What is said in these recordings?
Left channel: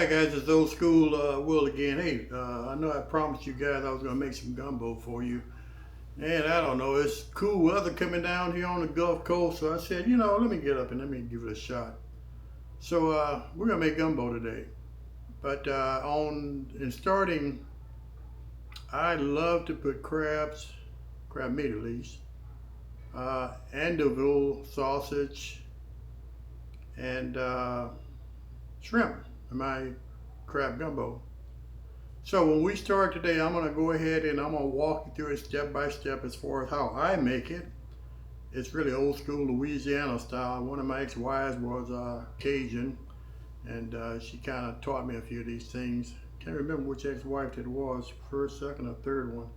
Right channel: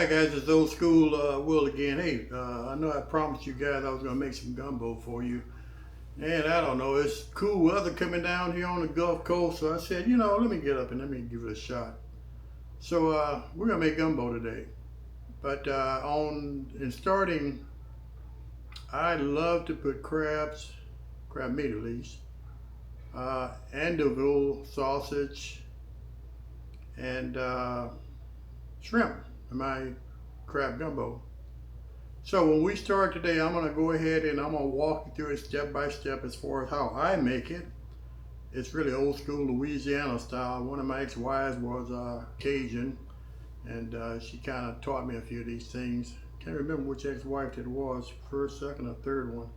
Alright guys, it's old school Will again. Hey, I know I promised you guys I was going to make some gumbo for you. And I don't know, it's cool weather coming down here on the Gulf Coast. So I said, let me get up and let me give it a shot. So we're going to make gumbo today. But in starting, I love to put crab meat at least, Andouille sausage, and shrimp in my crab gumbo. So when we start today, I'm going to go ahead and I'm going to walk you through it step by step as far as how I make it. It's really old school Louisiana style. One of my ex-wives was Cajun, and she kind of taught me a few of these things. Can't remember which ex-wife it was, first, second, or third one.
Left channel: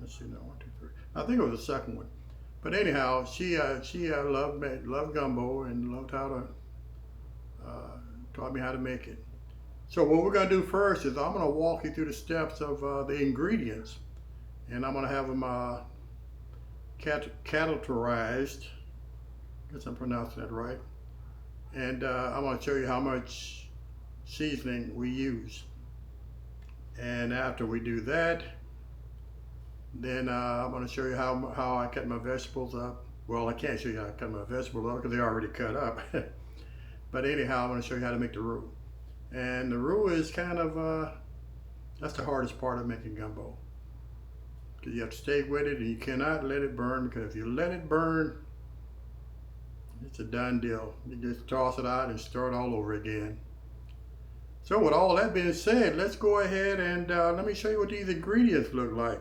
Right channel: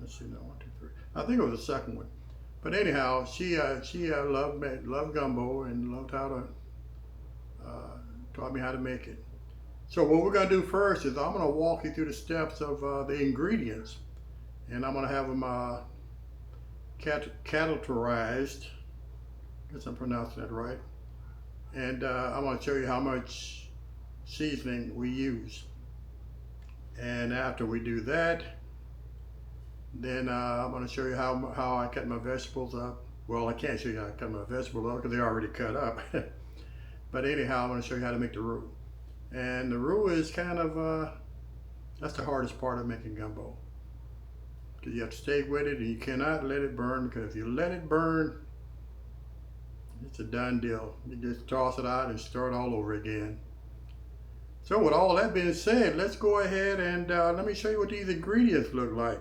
Let's see, no, 1, 2, 3. I think it was the second one. But anyhow, she loved gumbo and loved how to taught me how to make it. So what we're going to do first is I'm going to walk you through the steps of the ingredients, and I'm going to have them categorized. I guess I'm pronouncing that right. And I'm going to show you how much seasoning we use. And after we do that, then I'm going to show you how I cut my vegetables up. Well, I can't show you how I cut my vegetables up because they're already cut up. But anyhow, I'm going to show you how to make the roux. And the roux is kind of, that's the hardest part of making gumbo. Because you have to stay with it and you cannot let it burn, because if you let it burn, it's a done deal. You just toss it out and start all over again. So with all that being said, let's go ahead and let me show you what these ingredients look like.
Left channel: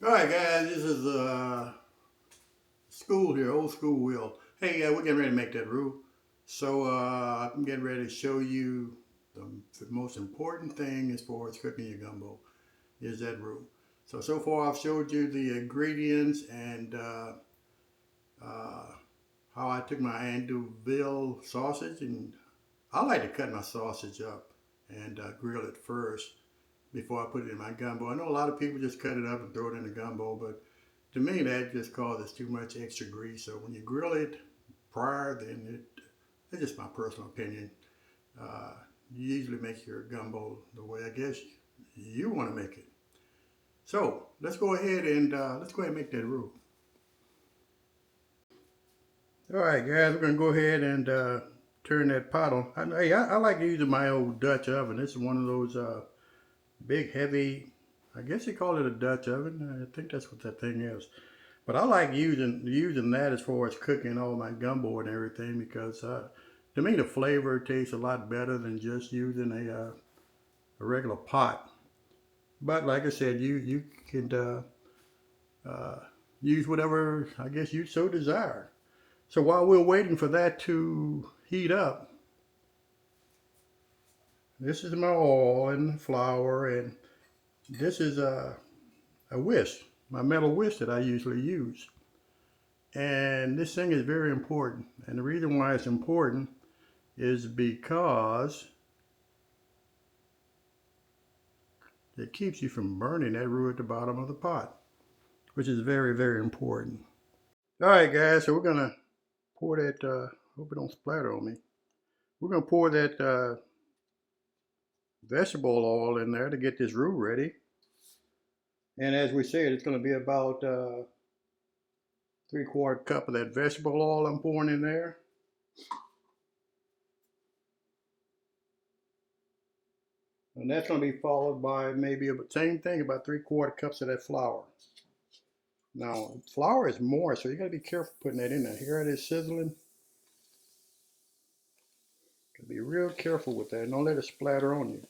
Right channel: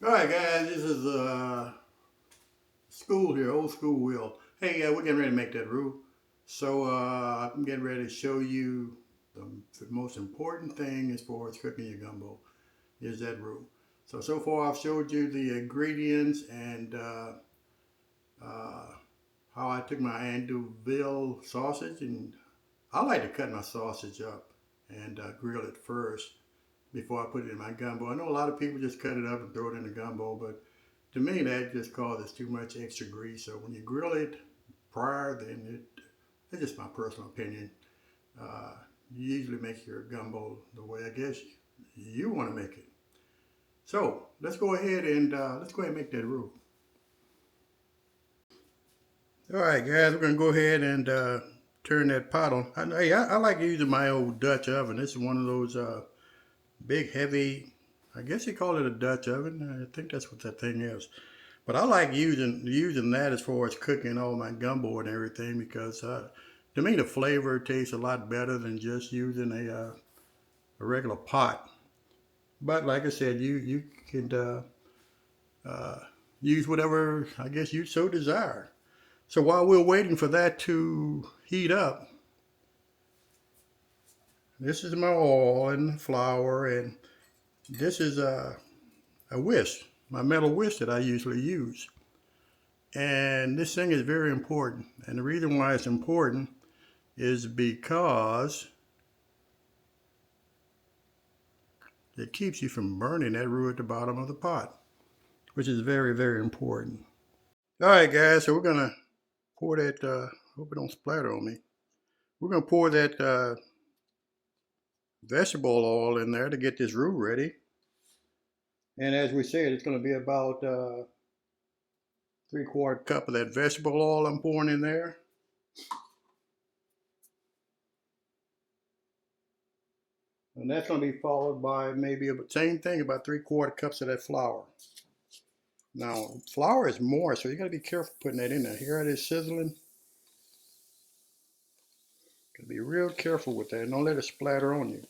Alright guys, this is school here, old school Will. Hey, we're getting ready to make that roux. So I'm getting ready to show you the most important thing as far as cooking your gumbo is that roux. So far I've showed you the ingredients and how I took my Andouille sausage, and I like to cut my sausage up and grill it first before I put it in my gumbo. I know a lot of people just cut it up and throw it in the gumbo, but to me that just causes too much extra grease. So when you grill it prior, then it's just my personal opinion. You usually make your gumbo the way I guess you want to make it. So let's go ahead and make that roux. All right, guys, we're gonna go ahead and turn that pot on. I like using my old Dutch oven. This is one of those big, heavy. I guess you call it a Dutch oven. I think that's what that thing is. But I like using that as far as cooking all my gumbo and everything because to me the flavor tastes a lot better than just using a regular pot. But like I said, you can uh, use whatever I guess you so desire. So while we're waiting for that to heat up, this is my oil and flour, and this is a whisk, my metal whisk that I usually use. And this thing is very important. And the reason why it's important is because it keeps you from burning that roux at the bottom of the pot, which is very, very important. All right, guys, so we're gonna pour that. Hope it don't splatter on me. We're gonna pour that vegetable oil in there to get this roux ready. And as we said, it's gonna be about 3/4 cup of that vegetable oil I'm pouring in there. And that's going to be followed by maybe the same thing, about 3/4 cups of that flour. Now, flour is moist, so you got to be careful putting that in there. Here it is sizzling. Got to be real careful with that. Don't let it splatter on you.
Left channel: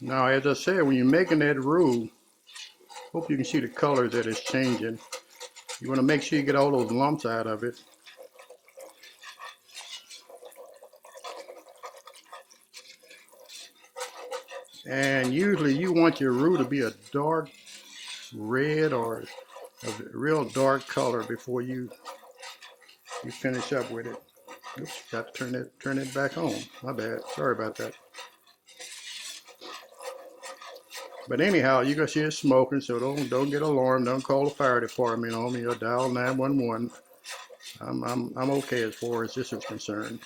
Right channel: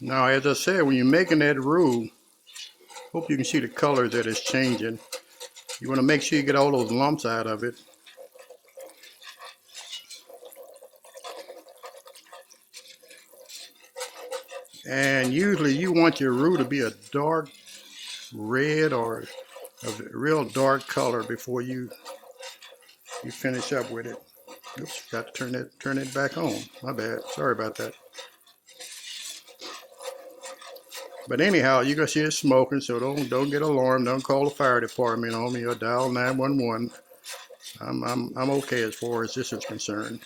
Now, as I said, when you're making that roux, hope you can see the color that it's changing. You want to make sure you get all those lumps out of it. And usually you want your roux to be a dark red or a real dark color before you finish up with it. Oops, got to turn it back on. My bad. Sorry about that. But anyhow, you're gonna see it smoking, so don't get alarmed. Don't call the fire department on me or dial 911. I'm okay as far as this is concerned.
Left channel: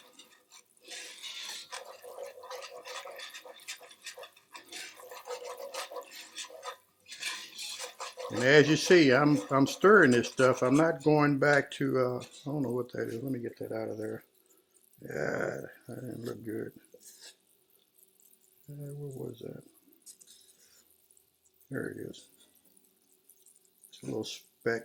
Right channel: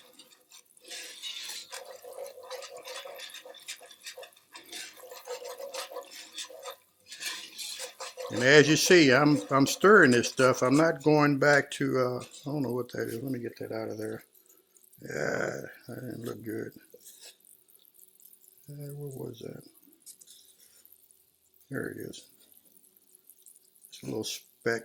And as you see, I'm stirring this stuff. I'm not going back to I don't know what that is. Let me get that out of there. Yeah, that didn't look good. What was that? There it is. It's a little speck.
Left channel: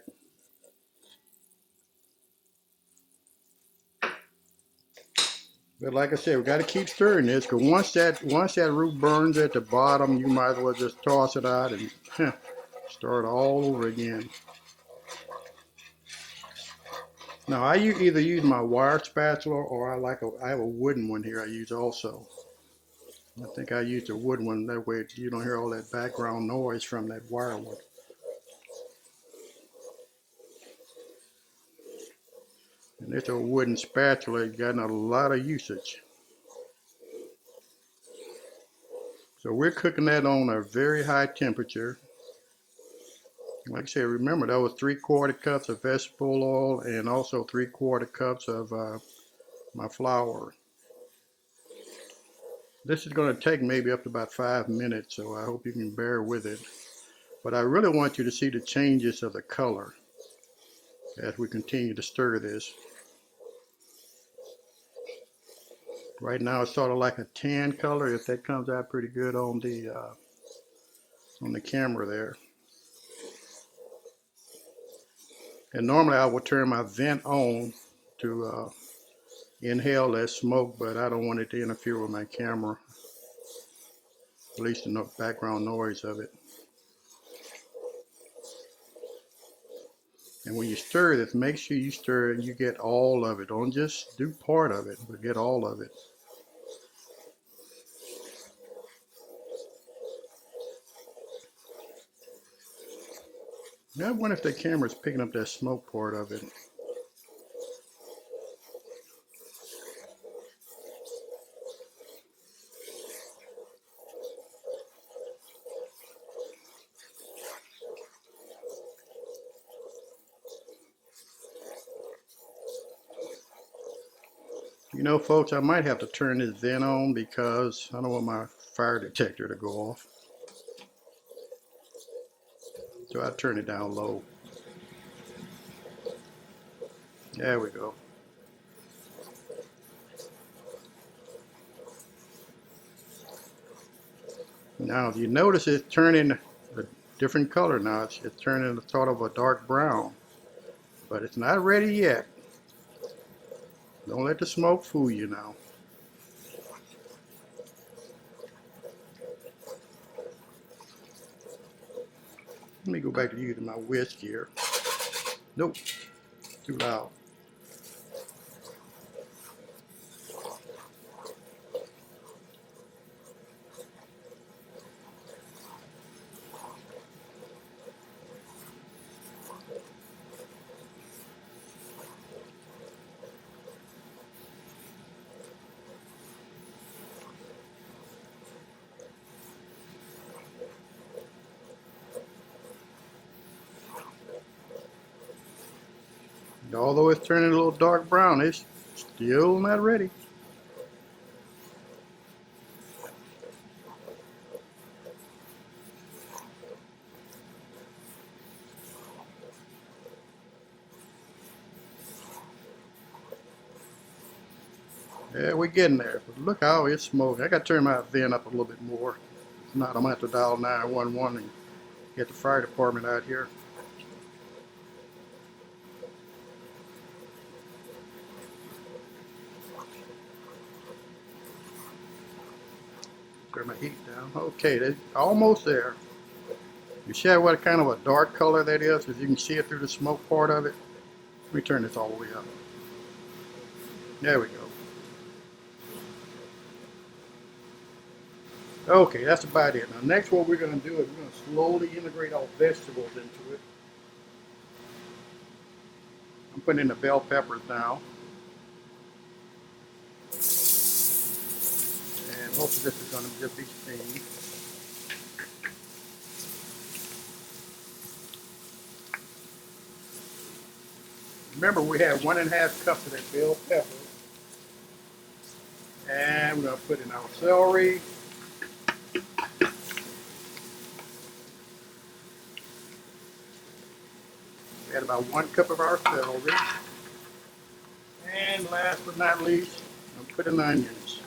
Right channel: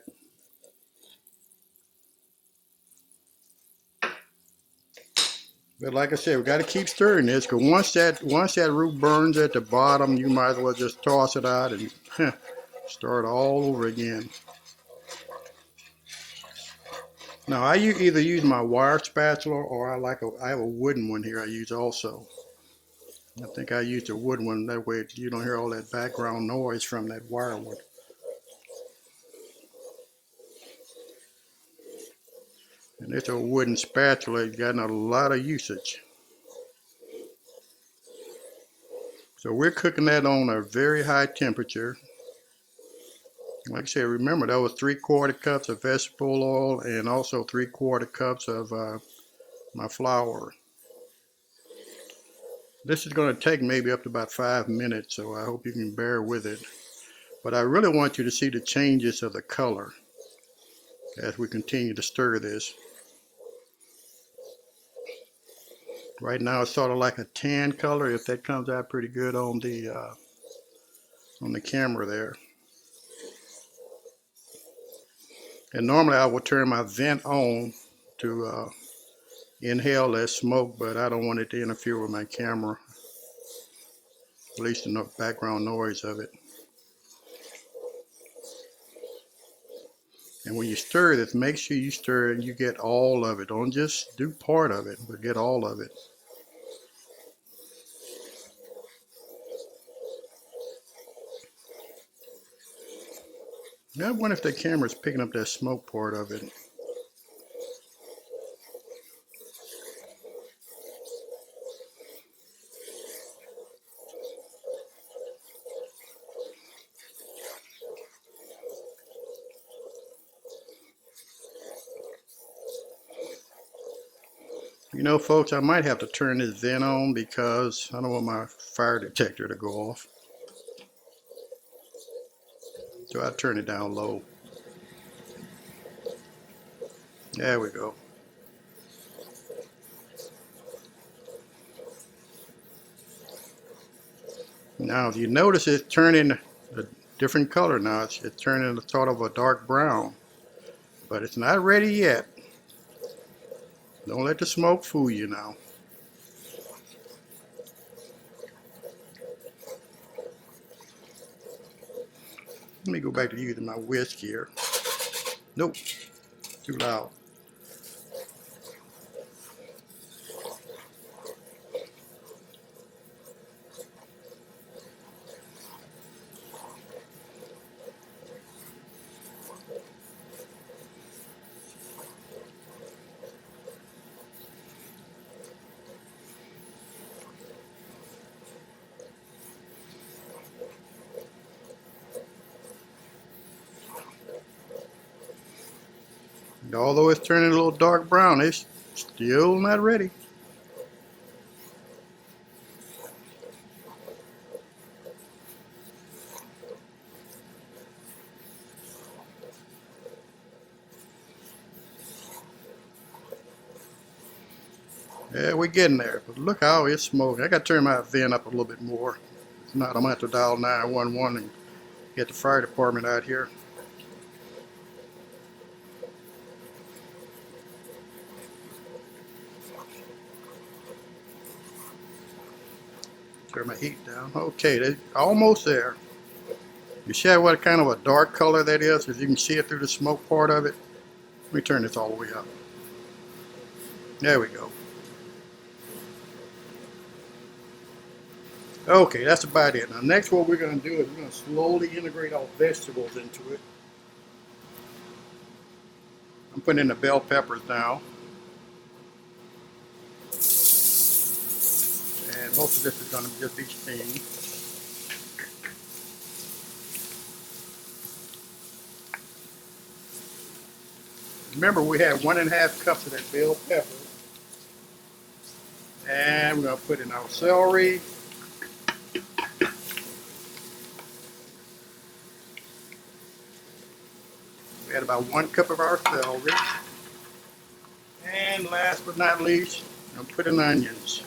But like I said, we got to keep stirring this because once that roux burns at the bottom, you might as well just toss it out and start all over again. Now I either use my wire spatula or I have a wooden one here I use also. I think I used a wooden one, that way you don't hear all that background noise from that wire wood. And it's a wooden spatula, it's got a lot of usage. So we're cooking that on a very high temperature. Like I said, remember that was 3/4 cups of vegetable oil and also 3/4 cups of my flour. This is going to take maybe up to about 5 minutes, so I hope you can bear with it. But I really want you to see the changes of the color as we continue to stir this. Right now it's sort of like a tan color, if that comes out pretty good on the camera there. And normally I would turn my vent on to inhale that smoke, but I don't want it to interfere with my camera, at least the background noise of it. And when you stir this, make sure you stir and you get all of it. Don't just do part of it, but get all of it. Now I wonder if the camera's picking up that smoke part of it. know, folks, I might have to turn this vent on because I don't want my fire detector to go off. So I turn it down low. There we go. Now, if you notice, it's turning a different color now. It's turning sort of a dark brown, but it's not ready yet. Don't let the smoke fool you now. Let me go back to using my whisk here. Nope, too loud. And although it's turning a little dark brown, it's still not ready. Yeah, we're getting there. But look how it's smoking. I got to turn my vent up a little bit more. If not, I'm going to have to dial 911 and get the fire department out here. Turn my heat down. Okay, they're almost there. You see what kind of a dark color that is? Because you can see it through the smoke part of it. Let me turn this all the way up. There we go. Okay, that's about it. Now next what we're going to do is we're going to slowly integrate our vegetables into it. I'm putting in the bell peppers now. And most of this is going to just be steamed. Remember, we have 1.5 cups of that bell pepper. And we're going to put in our celery. We add about 1 cup of our celery. And last but not least, I'm going to put in onions.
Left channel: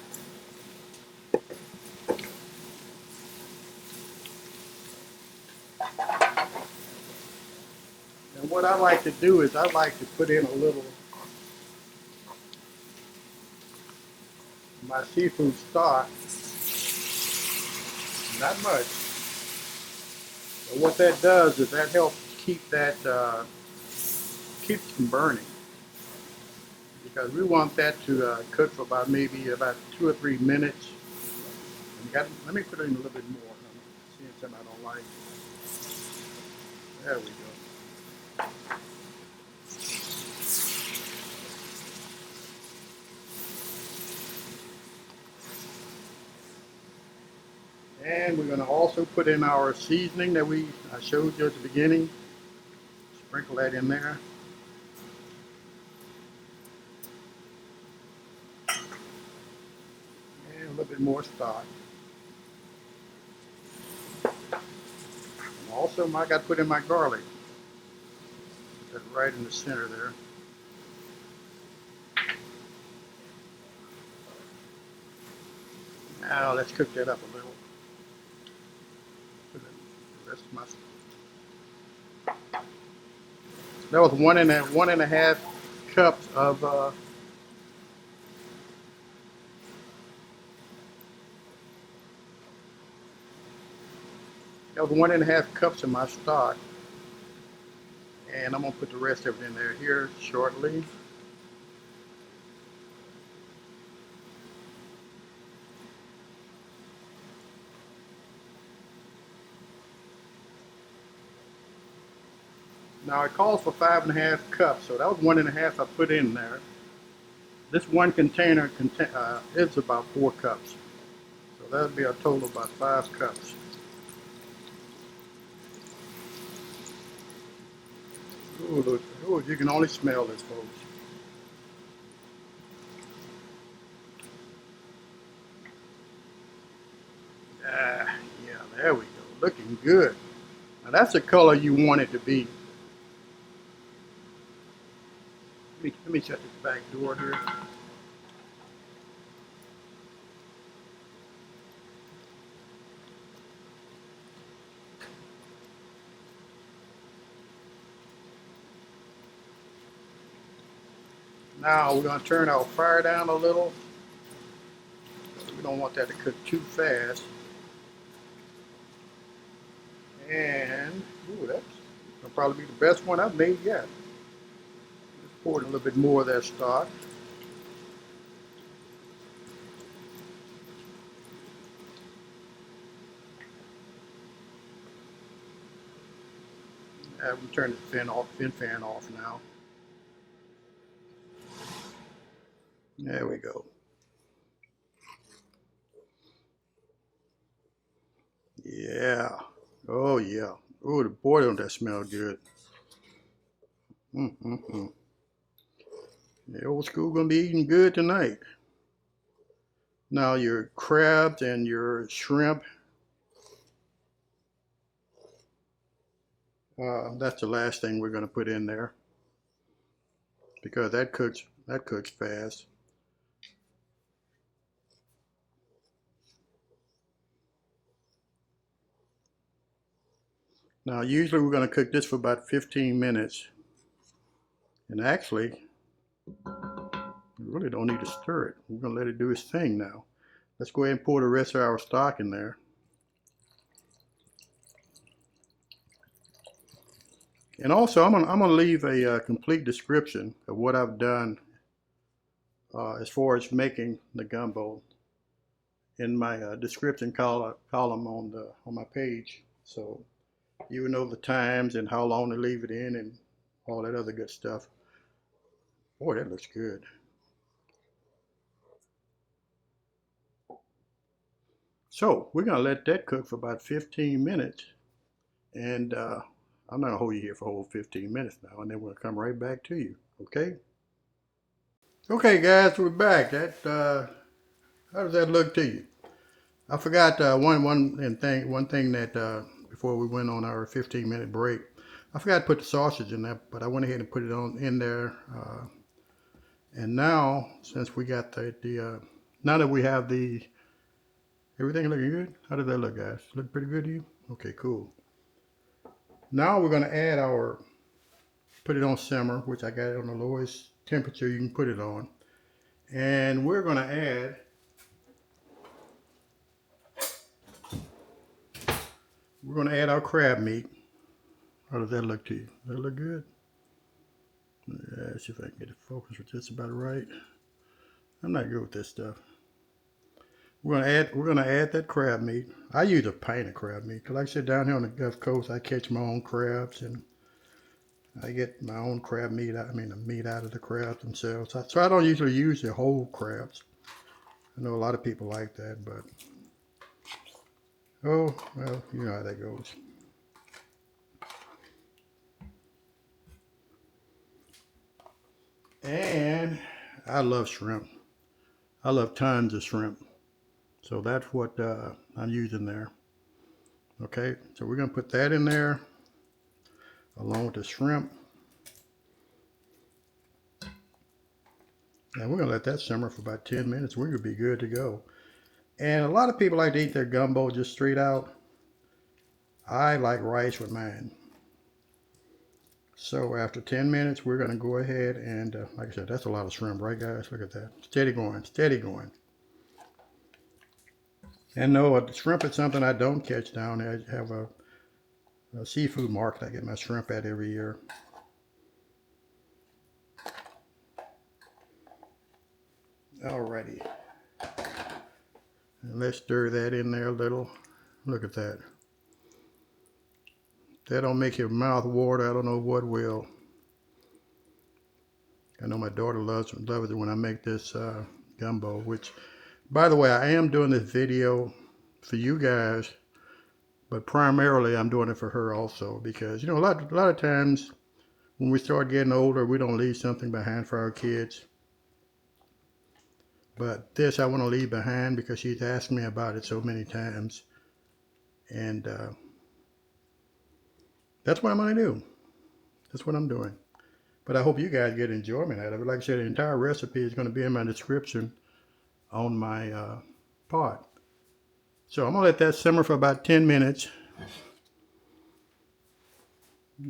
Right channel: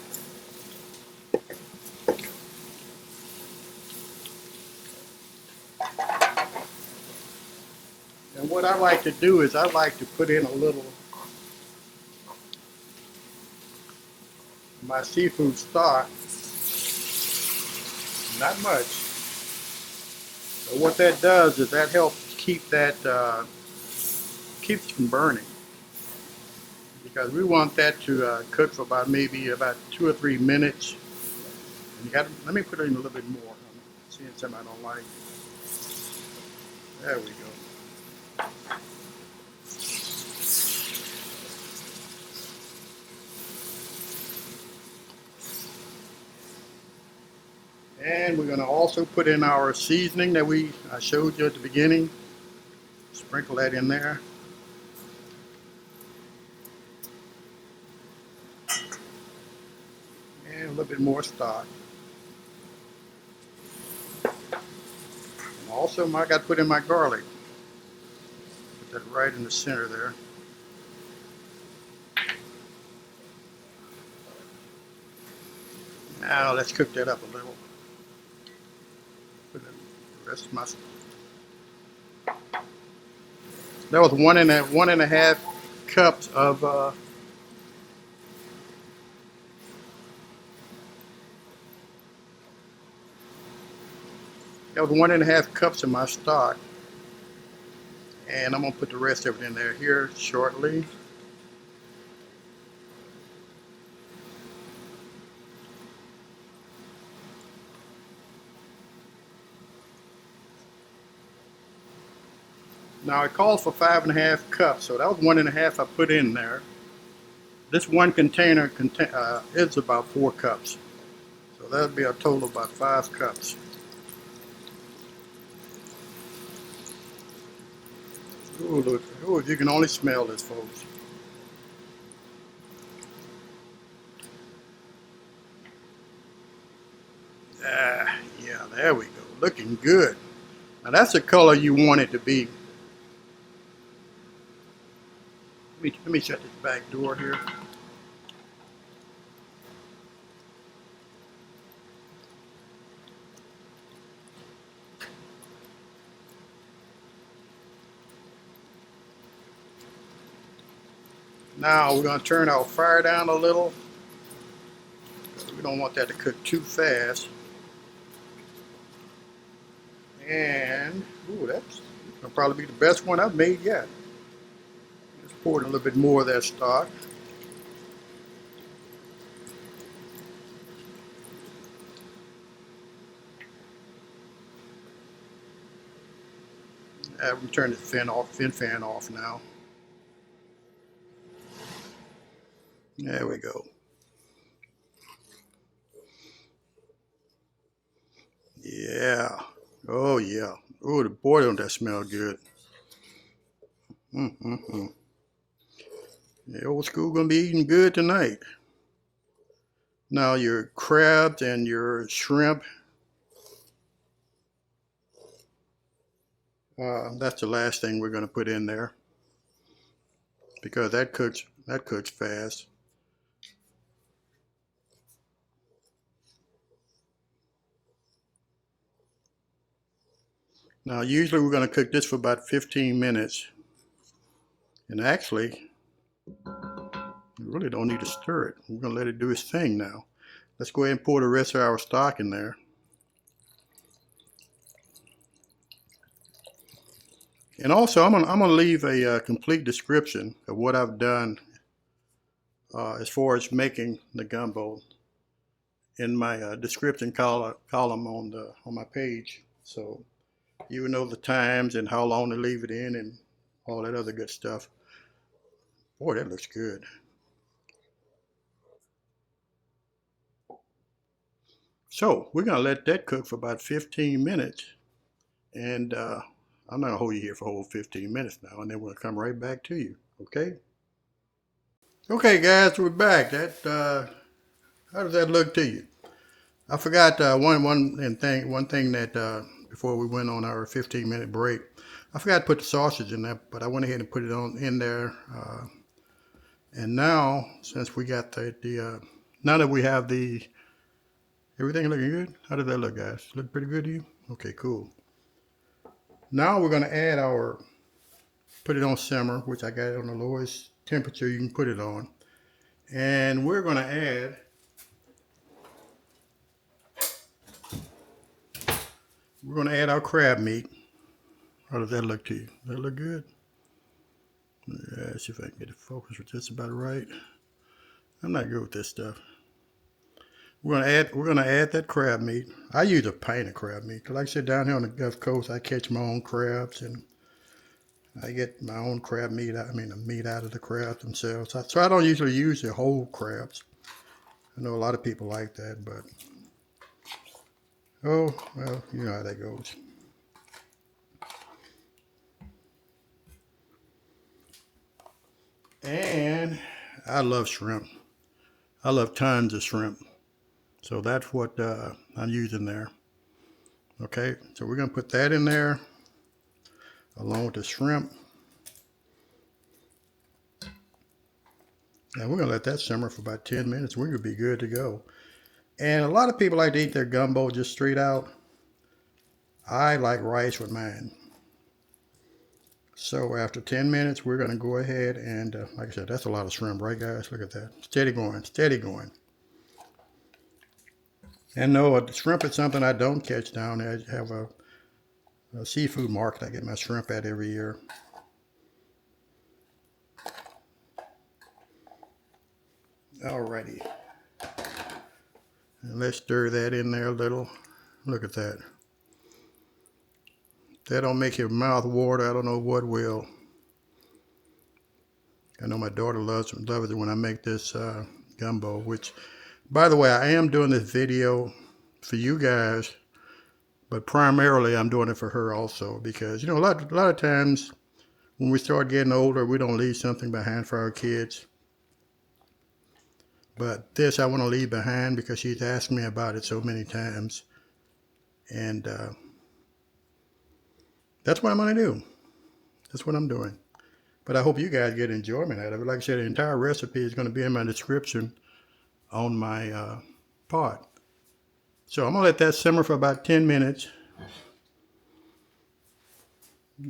And what I like to do is I like to put in a little my seafood stock. Not much. But what that does is that helps keep that keeps from burning. Because we want that to cook for about maybe about 2 or 3 minutes. And let me put in a little bit more. I'm seeing something I don't like. There we go. And we're going to also put in our seasoning that I showed you at the beginning. Sprinkle that in there. And a little bit more stock. And also I got to put in my garlic. Put that right in the center there. Now let's cook that up a little. Put the rest of my stuff. That was 1.5 cups of that was 1.5 cups of my stock. And I'm going to put the rest of it in there here shortly. Now it calls for 5.5 cups, so that was 1.5 I put in there. This one container is about 4 cups. So that would be a total of about 5 cups. Ooh, look, ooh, you can only smell this, folks. There we go. Looking good. Now that's the color you want it to be. Let me shut this back door here. Now we're going to turn our fire down a little. We don't want that to cook too fast. And, ooh, that's will probably be the best one I've made yet. Let's pour in a little bit more of that stock. We turn the fin fan off now. There we go. Yeah. Oh yeah. Oh, boy, don't that smell good. The old school gonna be eating good tonight. Now your crabs and your shrimp. That's the last thing we're gonna put in there because that cooks fast. Now usually we're gonna cook this for about 15 minutes. And actually, we really don't need to stir it. We're gonna let it do its thing now. Let's go ahead and pour the rest of our stock in there. And also, I'm gonna leave a complete description of what I've done as far as making the gumbo in my description column on my page. So you know the times and how long to leave it in and all that other good stuff. Boy, that looks good. So we're gonna let that cook for about 15 minutes, and I'm not gonna hold you here for a whole 15 minutes now, and then we'll come right back to you. Okay? Okay, guys, we're back. How does that look to you? I forgot one thing that before we went on our 15-minute break, I forgot to put the sausage in there, but I went ahead and put it in there. And now, since we got now that we have everything looking good. How does that look, guys? Look pretty good to you? Okay, cool. Now we're gonna put it on simmer, which I got it on the lowest temperature you can put it on. And we're gonna add our crab meat. How does that look to you? Does that look good? Let's see if I can get it focused with this about right. I'm not good with this stuff. We're gonna add that crab meat. I use a pint of crab meat because, like I said, down here on the Gulf Coast, I catch my own crabs and I get my own crab meat. The meat out of the crabs themselves. So I don't usually use the whole crabs. I know a lot of people like that, but oh well, you know how that goes. And I love shrimp. I love tons of shrimp. So that's what I'm using there. Okay, so we're gonna put that in there along with the shrimp. Now we're gonna let that simmer for about 10 minutes. We're gonna be good to go. And a lot of people like to eat their gumbo just straight out. I like rice with mine. So after 10 minutes, we're gonna go ahead and, like I said, that's a lot of shrimp, right guys? Look at that, steady going, steady going. And no, the shrimp is something I don't catch down there. I have a seafood market I get my shrimp at every year. Alrighty. And let's stir that in there a little. Look at that. That don't make your mouth water. I don't know what will. I know my daughter loves it when I make this gumbo, which, by the way, I am doing this video for you guys, but primarily I'm doing it for her also because, you know, a lot of times when we start getting older, we don't leave something behind for our kids. But this I want to leave behind because she's asked me about it so many times. And that's what I'm going to do. That's what I'm doing. But I hope you guys get enjoyment out of it. Like I said, the entire recipe is going to be in my description on my pot. So I'm going to let that simmer for about 10 minutes.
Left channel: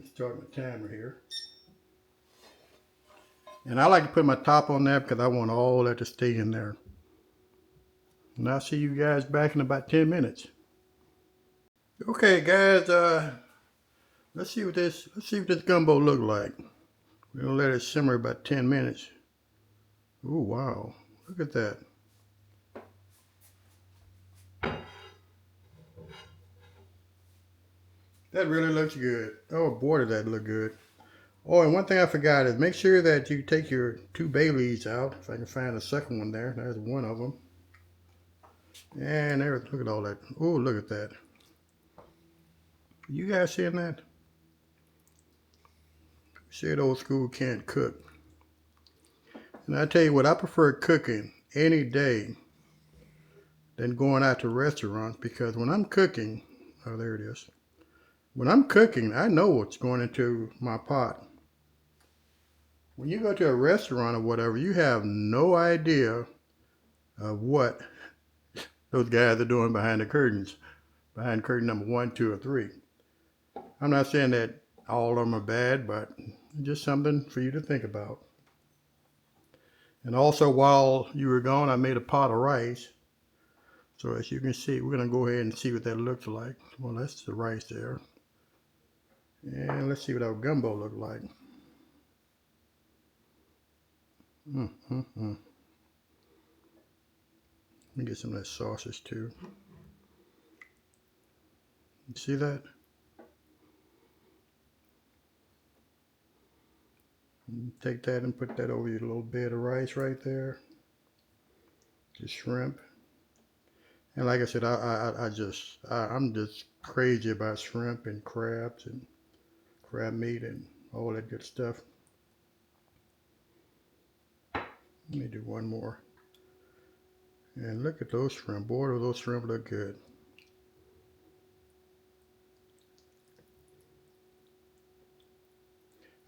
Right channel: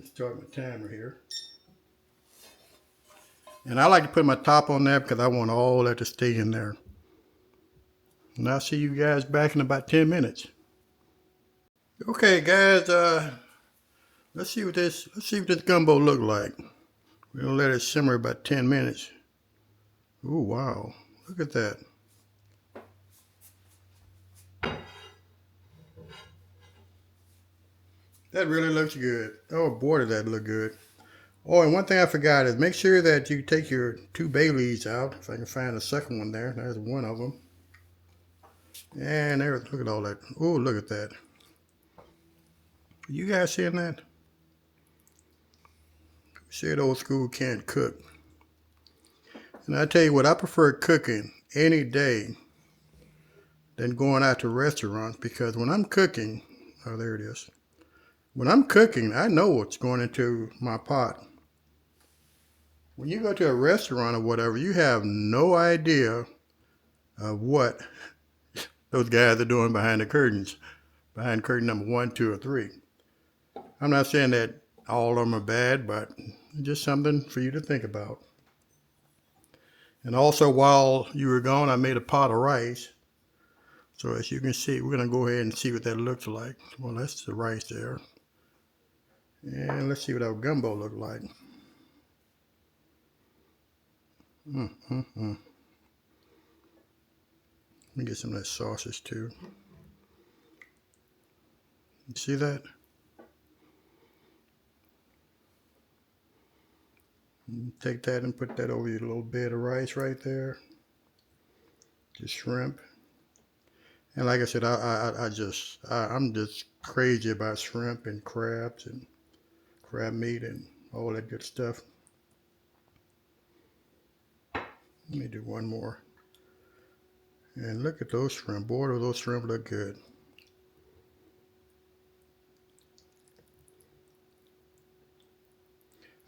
Start my timer here. And I like to put my top on that because I want all that to stay in there. And I'll see you guys back in about 10 minutes. Okay, guys, let's see what this gumbo look like. We're gonna let it simmer about 10 minutes. Oh wow, look at that. That really looks good. Oh boy, does that look good. Oh, and one thing I forgot is make sure that you take your 2 bay leaves out. If I can find a second one there. There's one of them. And there, look at all that. Oh, look at that. You guys seeing that? Said old school can't cook. And I tell you what, I prefer cooking any day than going out to restaurants, because when I'm cooking, oh, there it is. When I'm cooking, I know what's going into my pot. When you go to a restaurant or whatever, you have no idea of what those guys are doing behind the curtains, behind curtain number 1, 2, or 3. I'm not saying that all of them are bad, but just something for you to think about. And also, while you were gone, I made a pot of rice. So as you can see, we're going to go ahead and see what that looks like. Well, that's the rice there. And let's see what our gumbo look like. Let me get some of that sausage too. You see that? Take that and put that over your little bed of rice right there. Just shrimp. And like I said, I'm just crazy about shrimp and crabs and crab meat and all that good stuff. Let me do one more. And look at those shrimp. Boy, do those shrimp look good.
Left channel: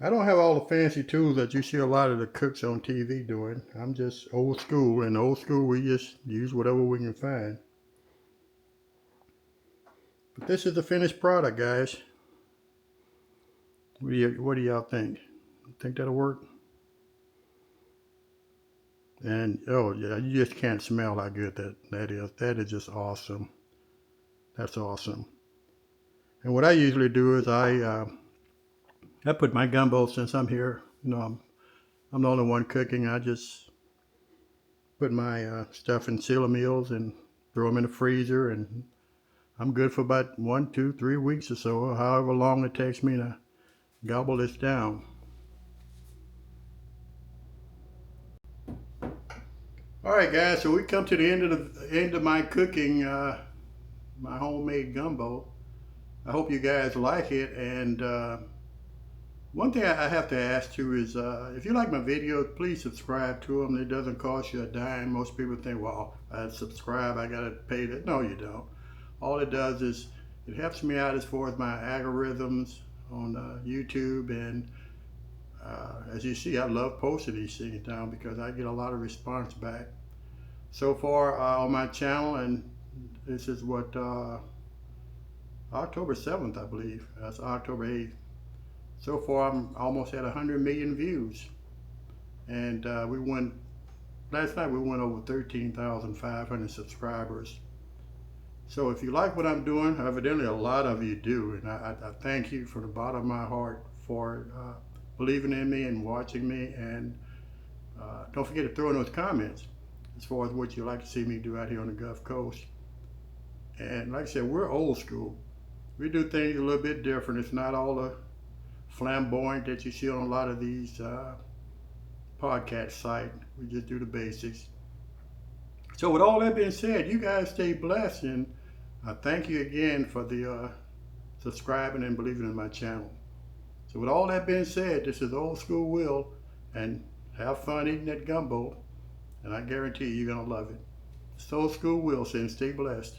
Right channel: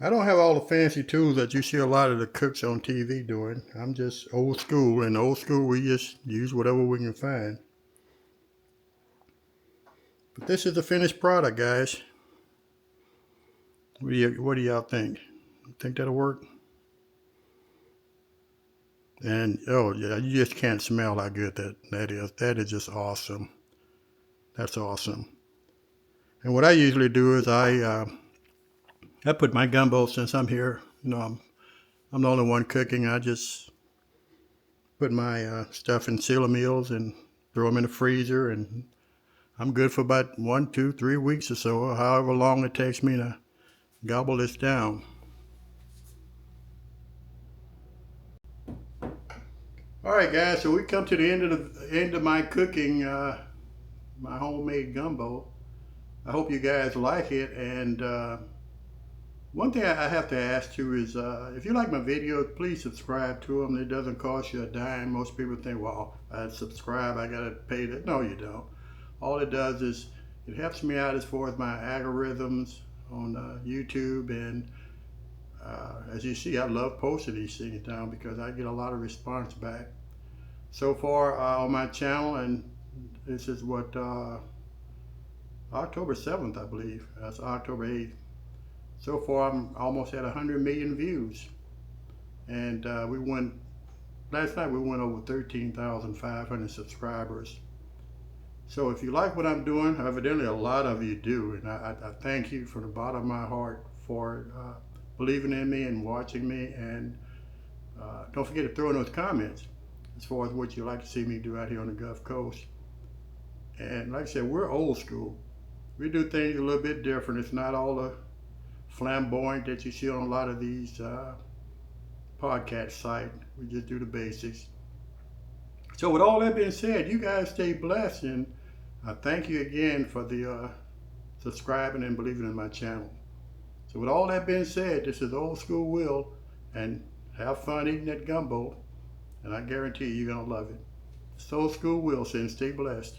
I don't have all the fancy tools that you see a lot of the cooks on TV doing. I'm just old school. And old school, we just use whatever we can find. But this is the finished product, guys. What do y'all think? Think that'll work? And oh yeah, you just can't smell how good that is. That is just awesome. That's awesome. And what I usually do is I put my gumbo, since I'm here, I'm the only one cooking. I just put my stuff in sealer meals and throw them in the freezer, and I'm good for about 1, 2, 3 weeks or so, or however long it takes me to gobble this down. All right, guys, so we come to the end of my cooking, my homemade gumbo. I hope you guys like it. And one thing I have to ask too is, if you like my videos, please subscribe to them. It doesn't cost you a dime. Most people think, well, I subscribe, I gotta pay that. No, you don't. All it does is it helps me out as far as my algorithms on YouTube. And as you see, I love posting these things down because I get a lot of response back. So far on my channel, and this is what, October 7th, I believe. That's October 8th. So far, I'm almost at 100 million views. And last night we went over 13,500 subscribers. So if you like what I'm doing, evidently a lot of you do, and I thank you from the bottom of my heart for believing in me and watching me. And don't forget to throw in those comments as far as what you'd like to see me do out here on the Gulf Coast. And like I said, we're old school. We do things a little bit different. It's not all the flamboyant that you see on a lot of these podcast sites. We just do the basics. So with all that being said, you guys stay blessed, and I thank you again for the subscribing and believing in my channel. So with all that being said, this is Old School Will, and have fun eating that gumbo, and I guarantee you're gonna love it. It's Old School Will saying stay blessed.